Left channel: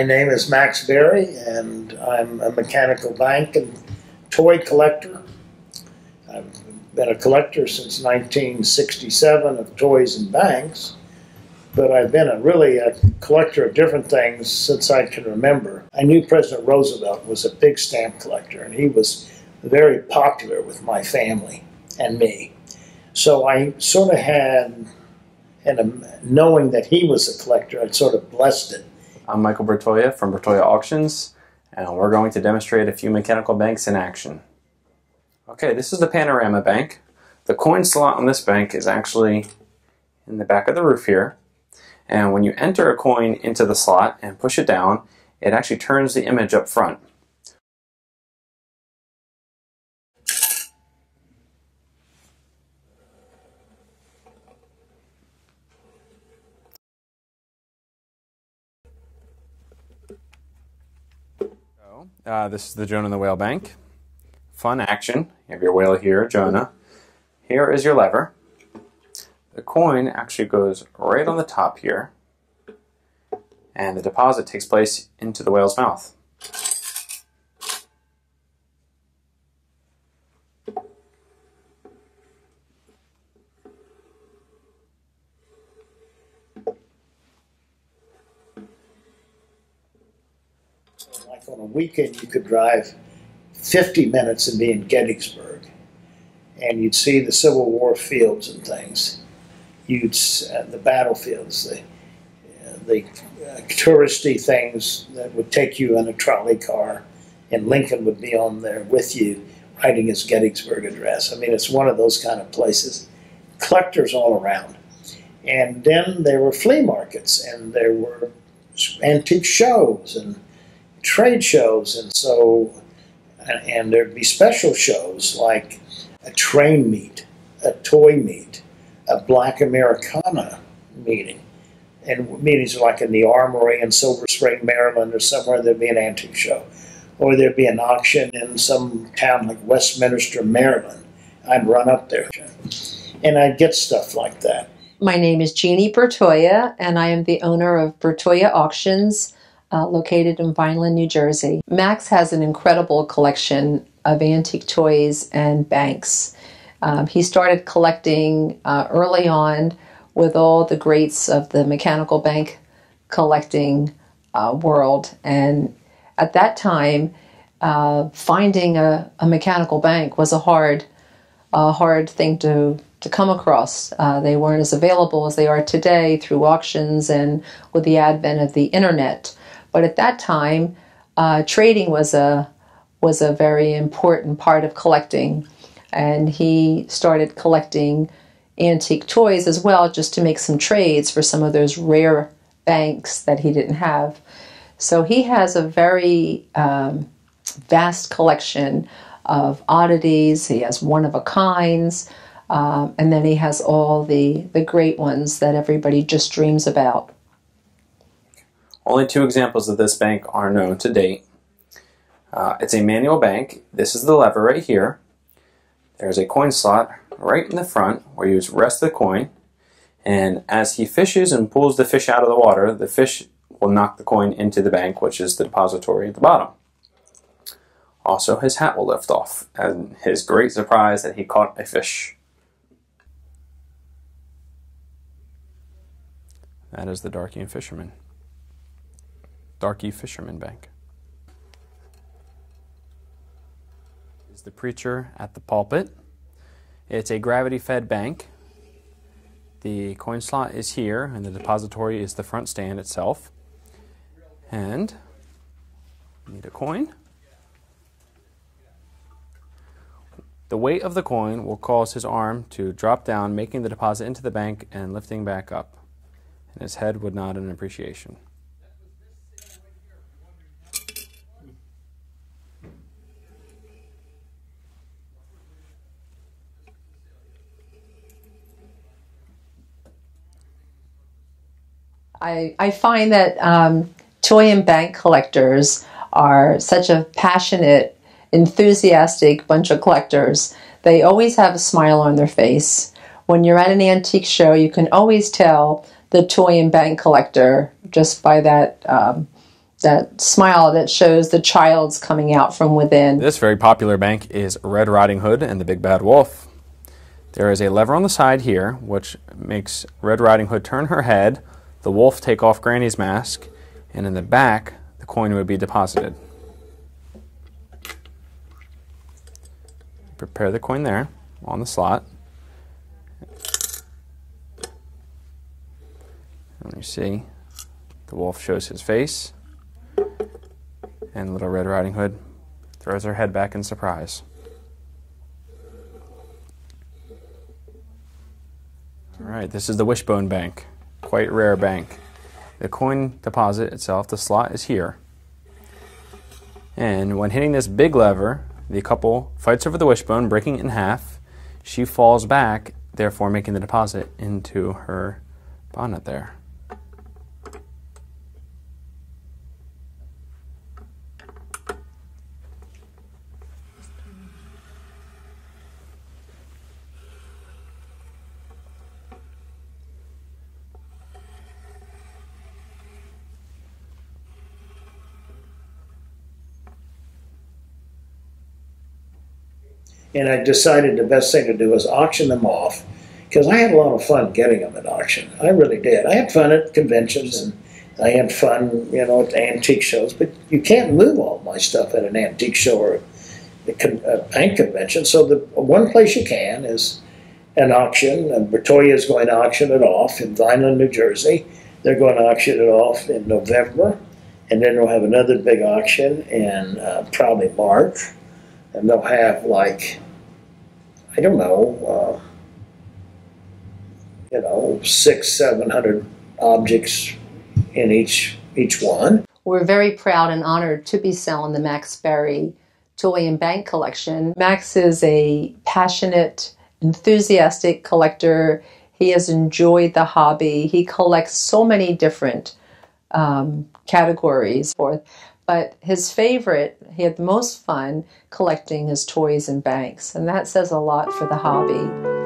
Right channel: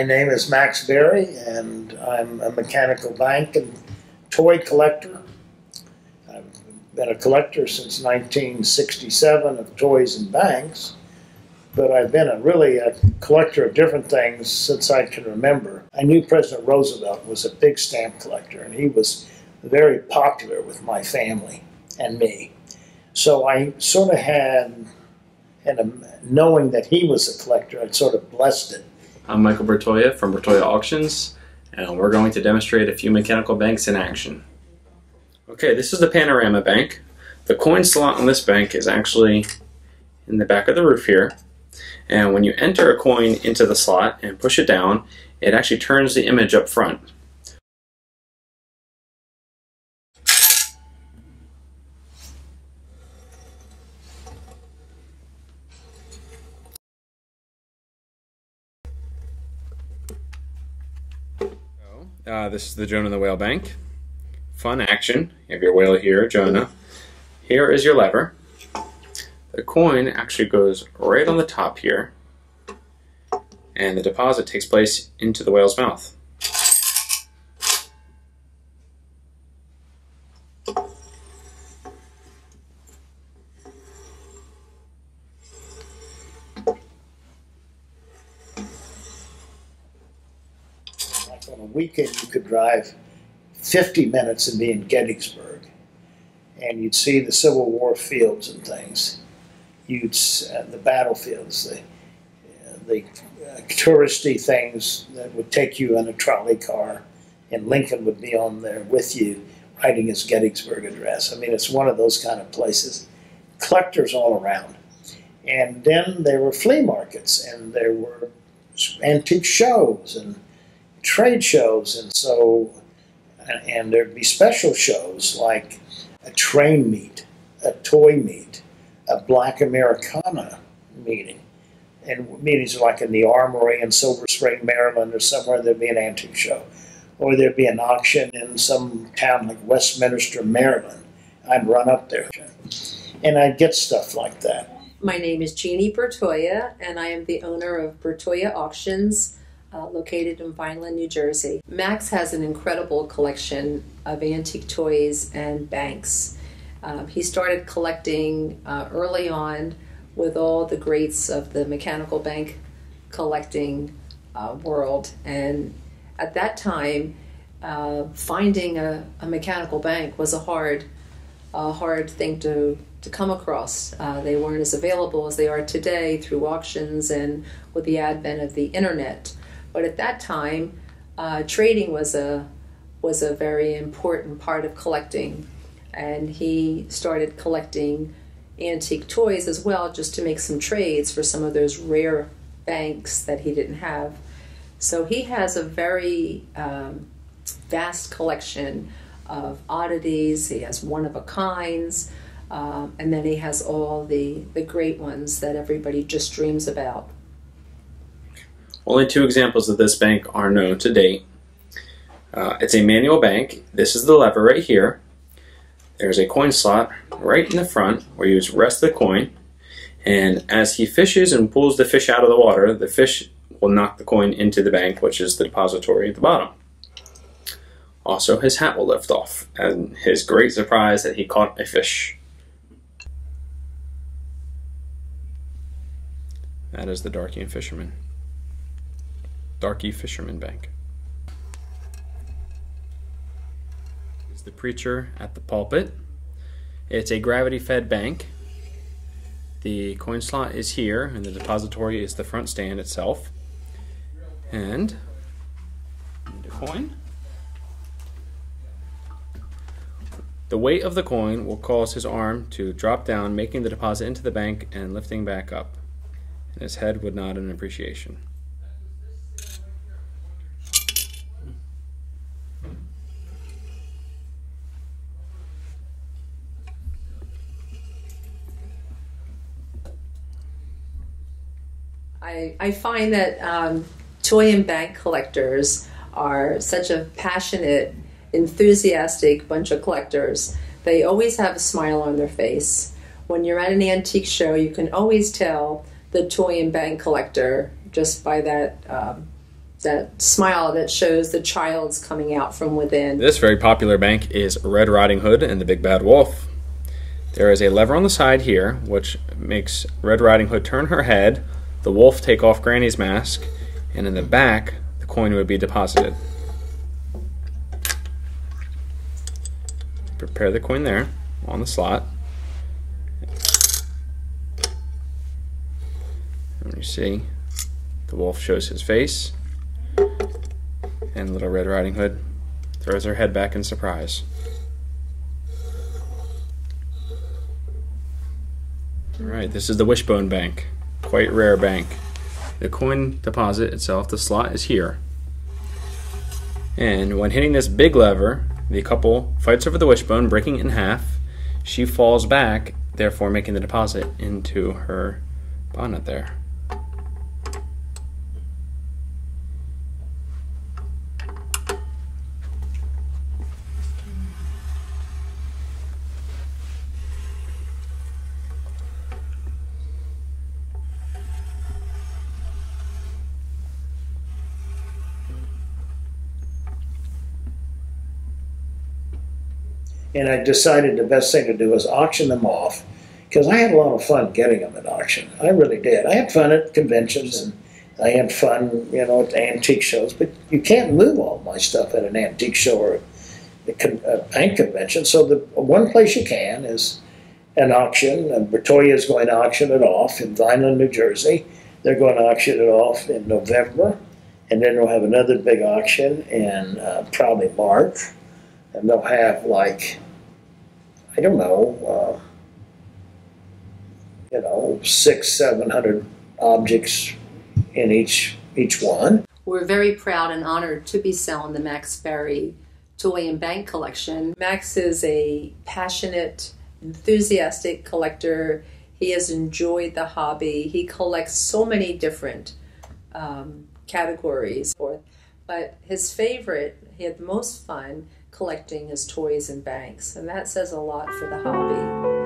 My name is Max Berry, and I'm a mechanical bank and toy collector. I've been a collector since 1967 of toys and banks, but I've been really a collector of different things since I can remember. I knew President Roosevelt was a big stamp collector, and he was very popular with my family and me. So I sort of had, and knowing that he was a collector, I sort of blessed it. I'm Michael Bertoia from BertoiaAuctions, and we're going to demonstrate a few mechanical banks in action. Okay, this is the panorama bank. The coin slot on this bank is actually in the back of the roof here. And when you enter a coin into the slot and push it down, it actually turns the image up front. This is the Jonah the Whale Bank. Fun action. You have your whale here, Jonah. Here is your lever. The coin actually goes right on the top here, and the deposit takes place into the whale's mouth. Like on a weekend, you could drive 50 minutes and be in Gettysburg, and you'd see the Civil War fields and things. The battlefields, the touristy things that would take you in a trolley car, and Lincoln would be on there with you writing his Gettysburg Address. I mean, it's one of those kind of places. Collectors all around. And then there were flea markets, and there were antique shows and trade shows, and there'd be special shows like a train meet, a toy meet, a Black Americana meeting. And meetings like in the Armory in Silver Spring, Maryland, or somewhere there'd be an antique show. Or there'd be an auction in some town like Westminster, Maryland. I'd run up there and I'd get stuff like that. My name is Jeannie Bertoia, and I am the owner of BertoiaAuctions, located in Vineland, New Jersey. Max has an incredible collection of antique toys and banks. He started collecting early on with all the greats of the mechanical bank collecting world, and at that time finding a mechanical bank was a hard thing to come across. They weren't as available as they are today through auctions and with the advent of the internet. But at that time, trading was a very important part of collecting, and he started collecting antique toys as well, just to make some trades for some of those rare banks that he didn't have. So he has a very vast collection of oddities. He has one-of-a-kinds, and then he has all the great ones that everybody just dreams about. Only two examples of this bank are known to date. It's a manual bank. This is the lever right here. There's a coin slot right in the front where you just rest the coin, and as he fishes and pulls the fish out of the water, the fish will knock the coin into the bank, which is the depository at the bottom. Also, his hat will lift off, and his great surprise that he caught a fish. That is the Darky Fisherman Bank. Is the preacher at the pulpit. It's a gravity-fed bank. The coin slot is here, and the depository is the front stand itself. And the coin. The weight of the coin will cause his arm to drop down, making the deposit into the bank and lifting back up. And his head would nod in appreciation. I find that toy and bank collectors are such a passionate, enthusiastic bunch of collectors. They always have a smile on their face. When you're at an antique show, you can always tell the toy and bank collector just by that that smile that shows the child's coming out from within. This very popular bank is Red Riding Hood and the Big Bad Wolf. There is a lever on the side here which makes Red Riding Hood turn her head, the wolf take off Granny's mask, and in the back the coin would be deposited. Prepare the coin there on the slot. And you see the wolf shows his face, and little Red Riding Hood throws her head back in surprise. Alright, this is the Wishbone Bank. Quite rare bank. The coin deposit itself, the slot is here. And when hitting this big lever, the couple fights over the wishbone, breaking it in half. She falls back, therefore making the deposit into her bonnet there. And I decided the best thing to do was auction them off, because I had a lot of fun getting them at auction. I really did. I had fun at conventions, and I had fun, you know, at antique shows, but you can't move all my stuff at an antique show or a bank convention. So the one place you can is an auction, and Bertoia is going to auction it off in Vineland, New Jersey. They're going to auction it off in November, and then we'll have another big auction in probably March. And they'll have, like, I don't know, 600-700 objects in each one. We're very proud and honored to be selling the MaxBerry Toy and Bank collection. Max is a passionate, enthusiastic collector. He has enjoyed the hobby. He collects so many different categories, but his favorite, he had the most fun collecting his toys and banks, and that says a lot for the hobby.